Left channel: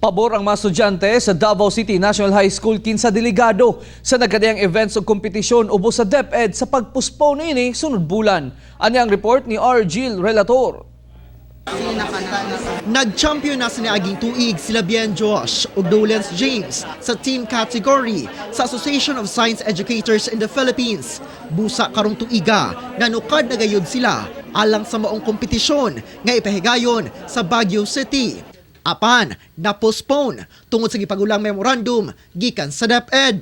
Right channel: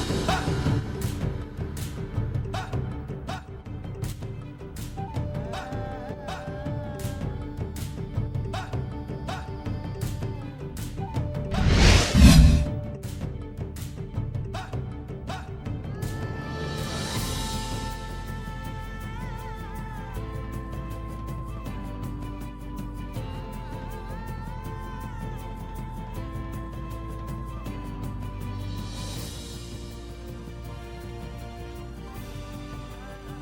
Pabor ang mga estudyante sa Davao City National High School kinsa delegado sa nagkadayang events o kompetisyon ubos sa DEPED sa pagpostpone ini sunod bulan. Ani ang report ni R. Gil Relator. Nag-champion na sa niaging tuig sila Bien Josh ug Dolens James sa team category sa Association of Science Educators in the Philippines. Busa karong tuiga, nanukad na gayud sila alang sa maong kompetisyon nga ipahigayon sa Baguio City. Apan, na-postpone tungod sa gipagulang memorandum gikan sa DepEd.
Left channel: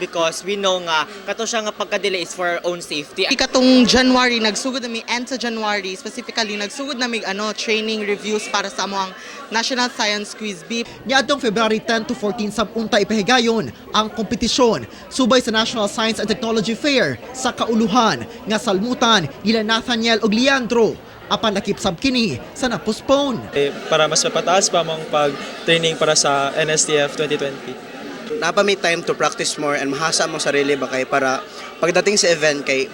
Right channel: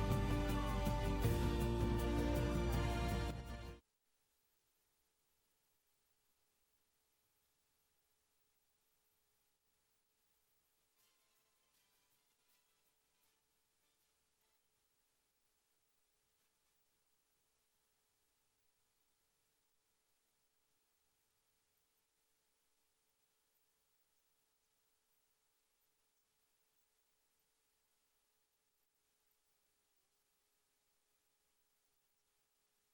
Because we know nga kato siya nga pagka-delay is for our own safety. Ikatong January nagsugod nami end sa January specifically nagsugod nami training reviews para sa among National Science Quiz B. Niadtong February 10 to 14 sabunta ipahigayon ang kompetisyon subay sa National Science and Technology Fair sa kauluhan nga salmutan nila Nathaniel ug Leandro. Apan nakipsab kini sa na-postpone. Para mas mapataas pa mong pag-training para sa NSTF 2020. Napa may time to practice more and mahasa mo sarili ba kay para pagdating sa event kay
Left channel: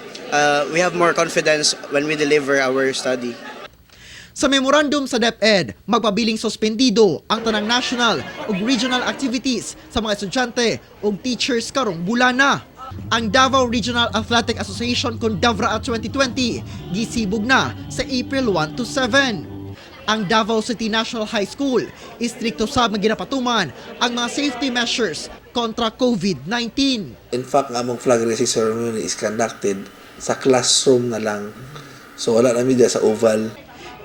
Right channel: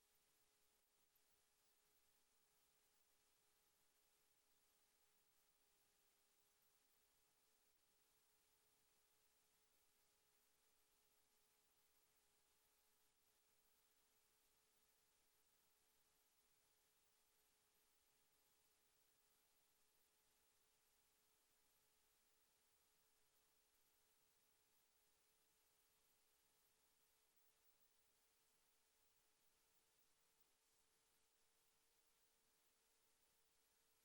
we have more confidence when we deliver our study. Sa memorandum sa DepEd, magpabiling suspendido ang tanang national ug regional activities sa mga estudyante ug teachers karong bulana. Ang Davao Regional Athletic Association kon Davra 2020 gisibog na sa April 1 to 7. Ang Davao City National High School, istrikto sab nga ginapatuman ang mga safety measures kontra COVID-19. In fact, ang among flag raising ceremony is conducted sa classroom na lang. So wala na media sa oval.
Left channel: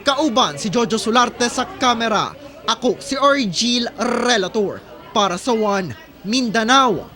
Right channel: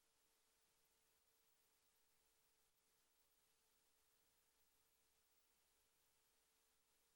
Kauban si Jojo Solarte sa kamera. Ako si Orgil Relator para sa One Mindanao.